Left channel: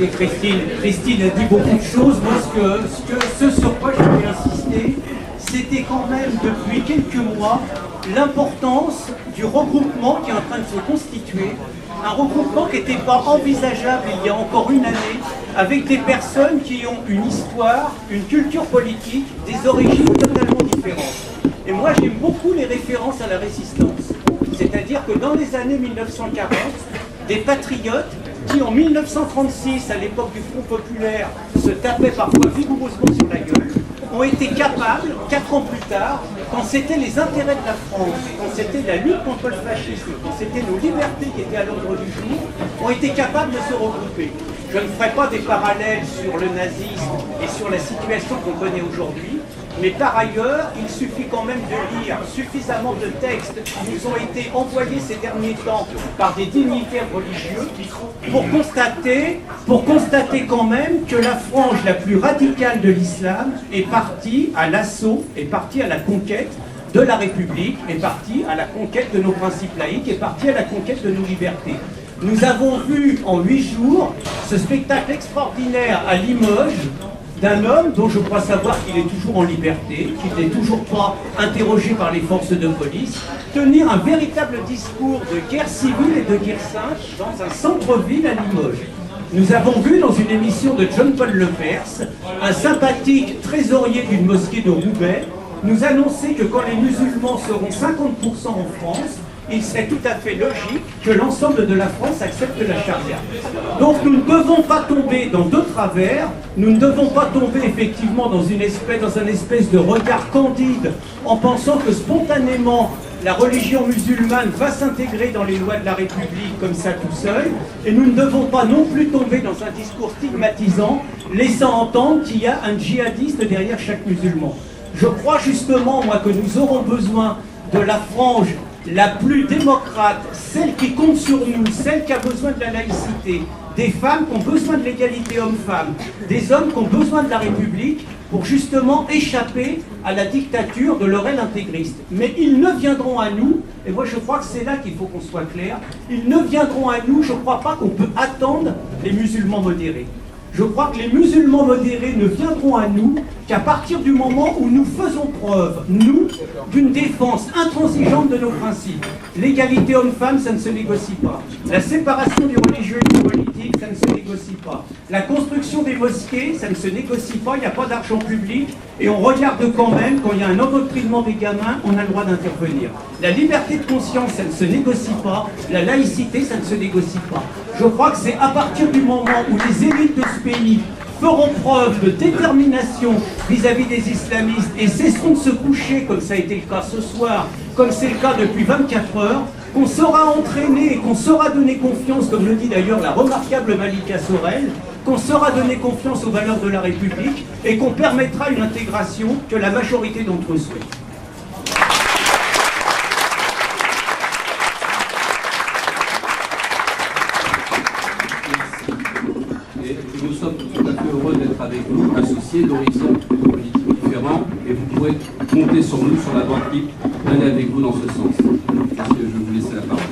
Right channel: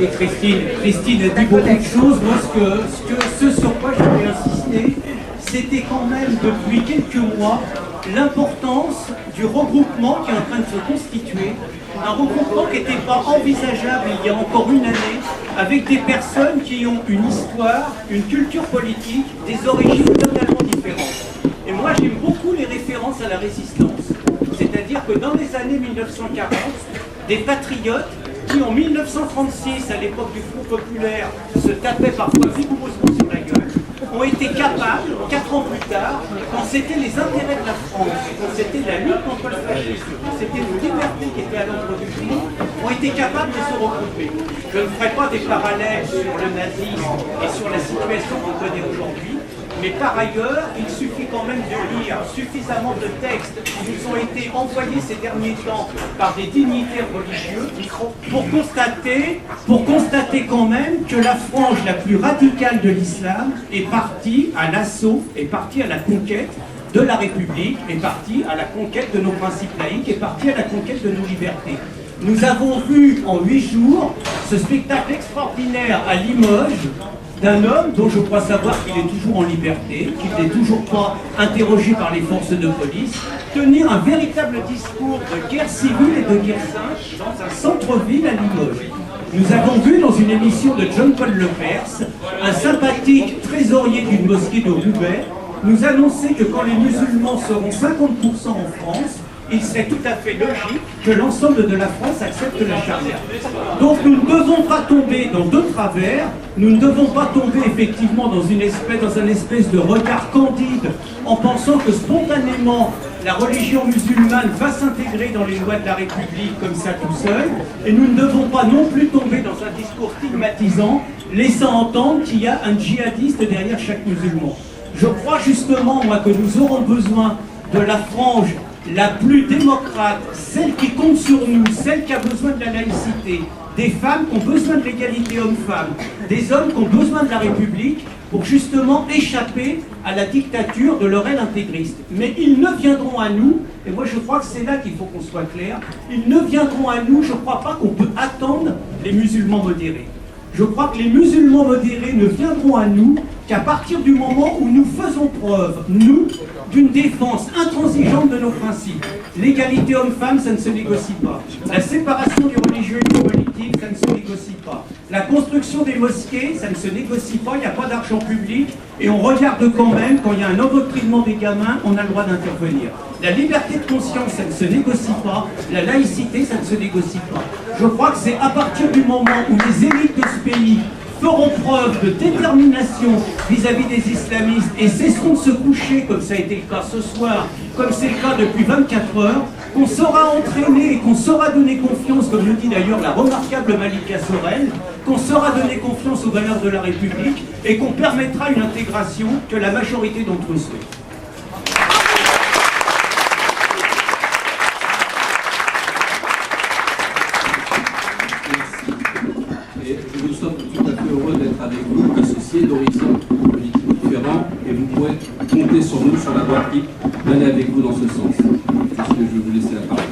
Écoutez, Christine a dit beaucoup de choses. Moi, ce sur quoi je voulais insister, c'était quand même depuis quelques mois l'importance du regroupement qui est en train de se constituer. Un regroupement qui n'était pas envisageable il y a encore une année, avec des personnes qui ont une histoire, une culture politique, des origines totalement différentes. Et moi, j'aime beaucoup les références à la résistance. C'est-à-dire que dans les années 1940, des patriotes qui, en 1936, à l'époque du Front populaire, se tapaient parfois vigoureusement sur la gueule, ont été capables, 4 ans plus tard, quand c'était les intérêts de la France, quand c'était la lutte contre le fascisme, quand c'était nos libertés qui étaient à l'ordre du jour, ont été capables de se regrouper. Je ne ferai pas des parallèles sur le nazisme et sur la situation qu'on connaît aujourd'hui, mais par ailleurs, il suffit quand même de lire suffisamment de textes qui nous ont été envoyés ces derniers temps par des dignitaires religieux pour constater quand même que la frange la plus radicale de l'islam est partie à l'assaut, est partie à la conquête de la République, est partie à la conquête de nos principes laïques, est partie à la conquête de nos libertés. Nous avons vu en 8 jours ce spectacle extraordinaire à Limoges d'un homme dont je crois savoir qu'il est toujours en liberté, qu'il n'est toujours pas interrogé par les forces de police, tenir un véritable discours de guerre civile et de guerre sainte dans un centre-ville à Limoges. Nous avons vu dans une émission de John-Paul Lepers, un sympathique trésorier d'une mosquée de Roubaix, nous annoncer que quand les musulmans seront 50% en France, il serait tout à fait logique que l'ensemble de la France accepte la charia. Donc nous ne devons pas tomber dans deux travers, nous ne devons pas tomber effectivement dans un espèce de regard candide en pensant que spontanément la religion musulmane va s'intégrer dans les lois de la République comme ça tout seul, et nous ne devons pas non plus tomber dans un discours stigmatisant, laissant entendre qu'il y a un djihadiste derrière chaque musulman. Je crois justement, moi, que nous aurons besoin de la frange la plus démocrate, celle qui compte sur nous, celle qui a besoin de la laïcité, des femmes qui ont besoin de l'égalité homme-femme, des hommes qui ont besoin de la République pour justement échapper à la dictature de leur aile intégriste. Mais ils ne viendront à nous, et moi je crois que c'est là qu'il faut qu'on soit clair, ils ne viendront à nous, je ne crois pas qu'on peut attendre les musulmans modérés. Je crois que les musulmans modérés ne viendront à nous qu'à partir du moment où nous faisons preuve, nous, d'une défense intransigeante de nos principes. L'égalité homme-femme, ça ne se négocie pas. La séparation du religieux et du politique, ça ne se négocie pas. La construction des mosquées, ça ne se négocie pas, il n'y a pas d'argent public, et on regarde quand même, quand il y a un endoctrinement des gamins, on a le droit d'intervenir. La liberté de conscience, ça ne se négocie pas. La laïcité, ça ne se négocie pas. Je crois que c'est à partir du moment où les élites de ce pays feront preuve de détermination vis-à-vis des islamistes et cesseront de se coucher, comme ça a été le cas ce soir, comme c'est le cas depuis 24 heures, qu'on saura entraîner et qu'on saura donner confiance, comme le dit d'ailleurs la remarquable Malika Sorel, qu'on saura donner confiance aux valeurs de la République et qu'on permettra une intégration que la majorité d'entre eux souhaitent. Et nous sommes tout à fait heureux d'être avec vous, associés d'horizons politiques différents, et vous pourrez compter sur nous, sur la droite libre, d'aller avec vous dans ce sens. Est-ce que je vais vous laisser la parole?